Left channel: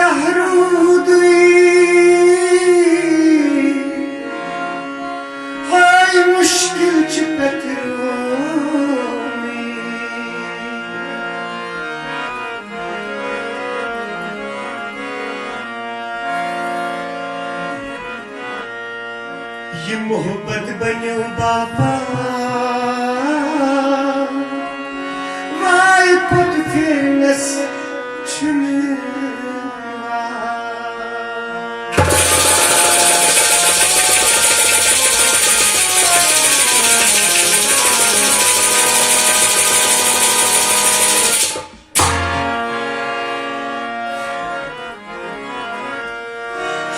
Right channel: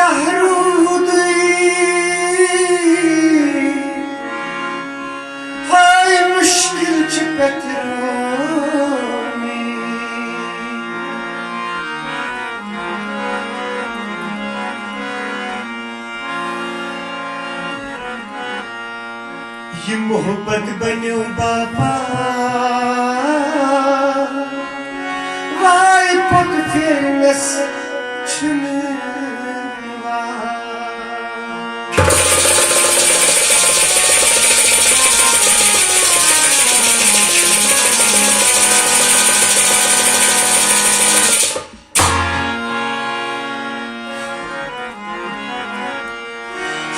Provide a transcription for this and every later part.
Kahrudi hay müşkil çipetrumi ये मोहब्बत बनो बाबा वाई पुट फेरनस छुनवा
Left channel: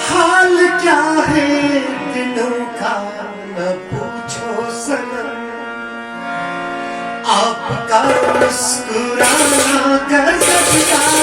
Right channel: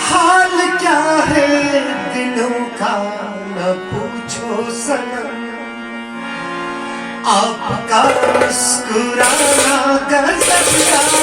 हाल क्या है दिलों का न पूछो सनम आपका मुस्कुराना गजब का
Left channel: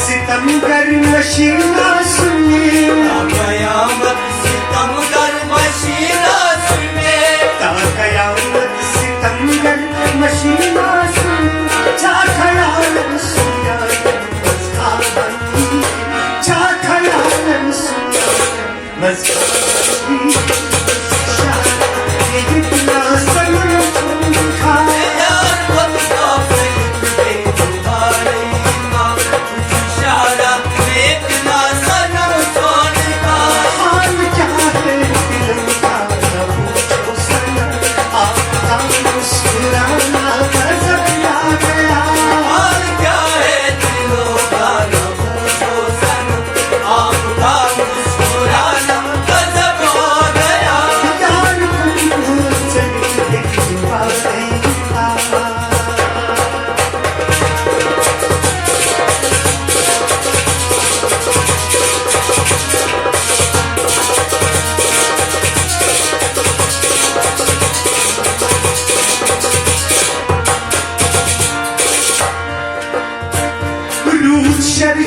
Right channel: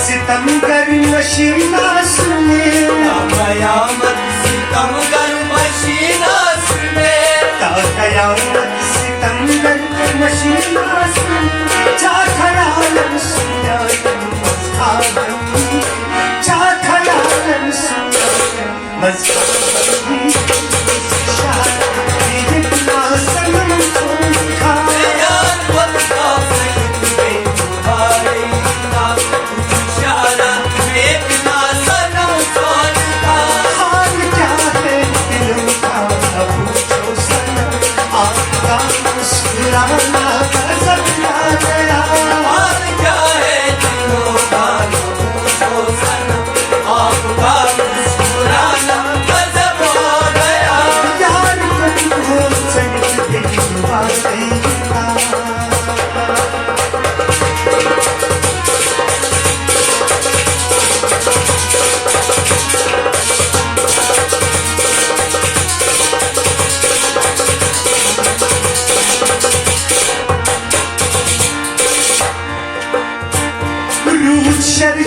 सितमगर नशीला सुने कयामत सितमगर मशीला सुने कयामत सितमगर मशीला सुने जा खयालन सुने मस्तानी जा खयालन सुने मस्तानी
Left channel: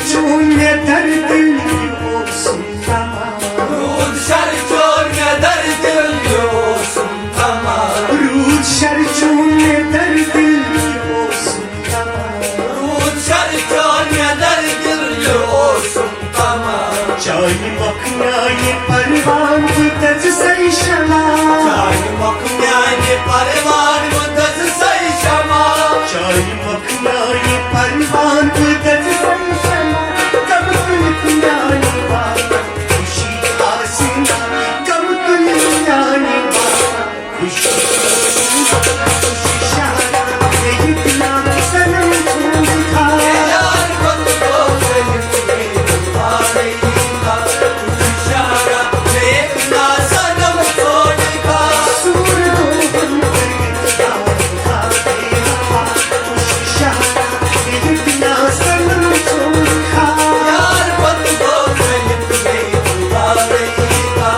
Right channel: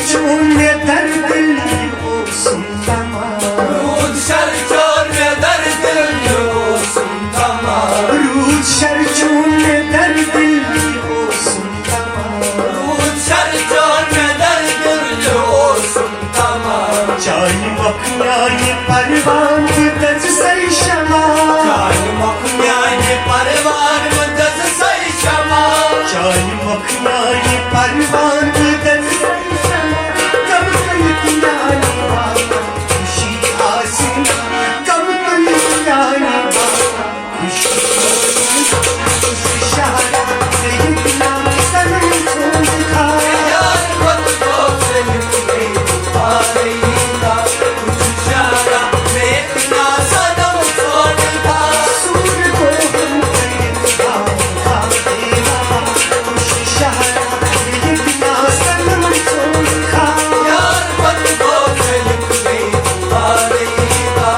şerçun ne derdin olsun tamam. Rud şerçun ne derdin olsun tamam. Rud şerçun ne derdin olsun tamam. Rud şerçun ne derdin olsun tamam. Canım akmaya parvan mıddet say şama. Canım akmaya parvan mıddet say şama. Canım akmaya parvan mıddet say şama. Gam dünyani var kuşi asin. Gam dünyani var kuşi şahara Seyyidina sanam tulka. Yar kutlu sevgilim aleyna. Uçuşara sevna sanam tulka. Sur doğum kıyıda kâdeva. Kuşi şahara Seyyidina sanam tulka. Yar kutlu sevgilim aleyna.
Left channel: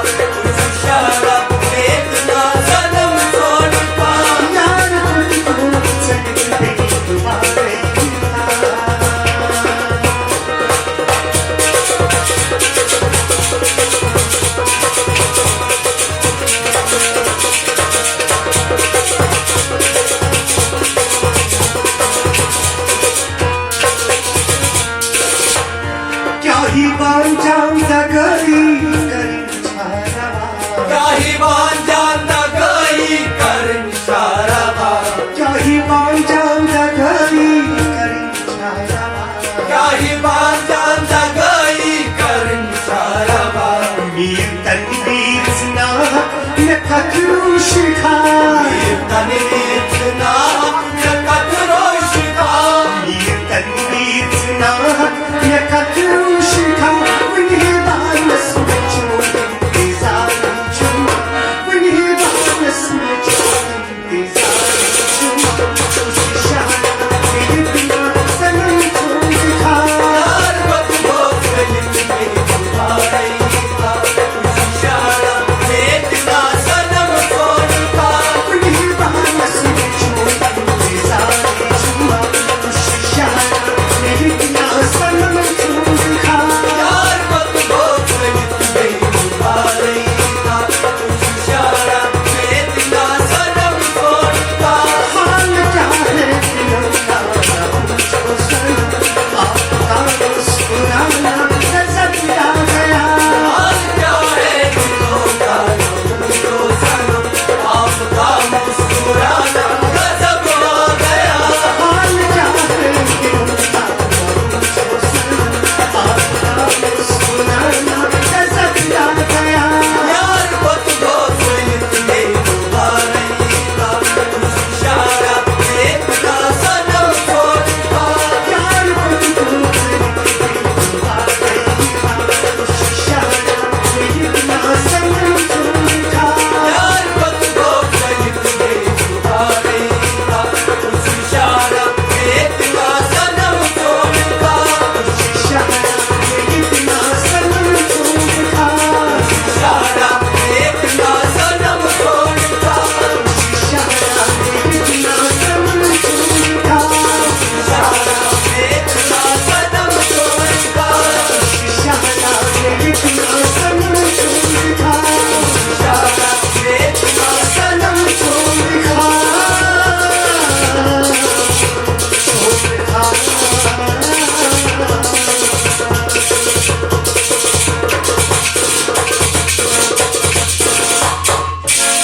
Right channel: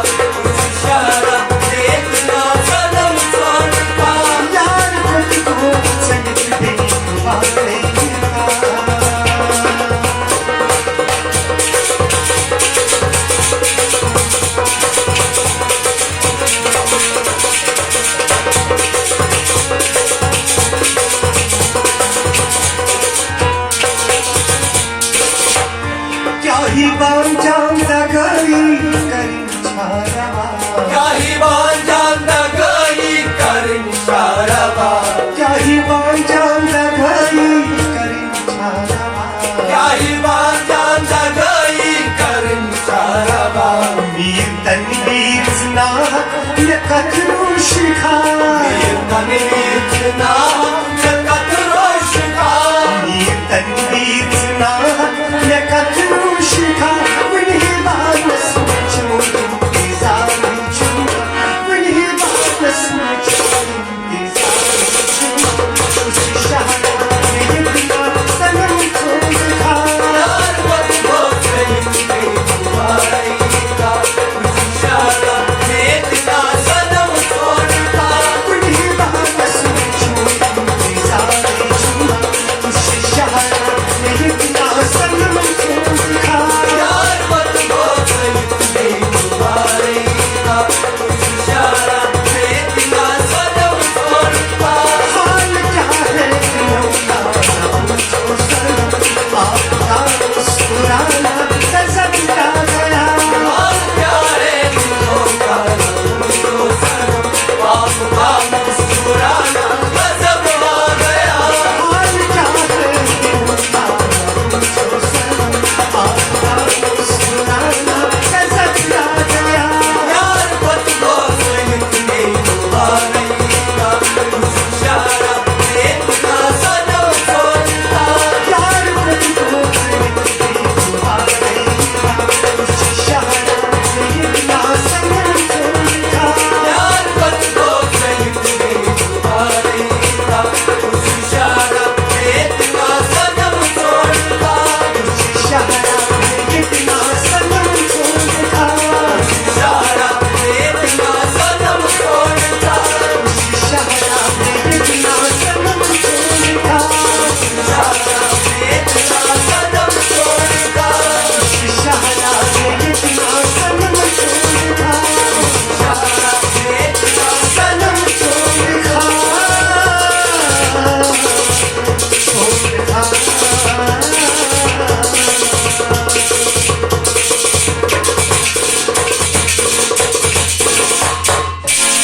Uçuşara sevna sanam tulka. Yar kutlu sevgilim aleyna. Kyahi banjanda gari karin charava. Kahiban canda gayi karın şaraba. Kyahi banjanda gari karin charava. Kahiban canda gayi karın şaraba. Mir tanvir zna ne katru shikha. Bir tane bitna yakat roşka. Mir tanvir zna ne katru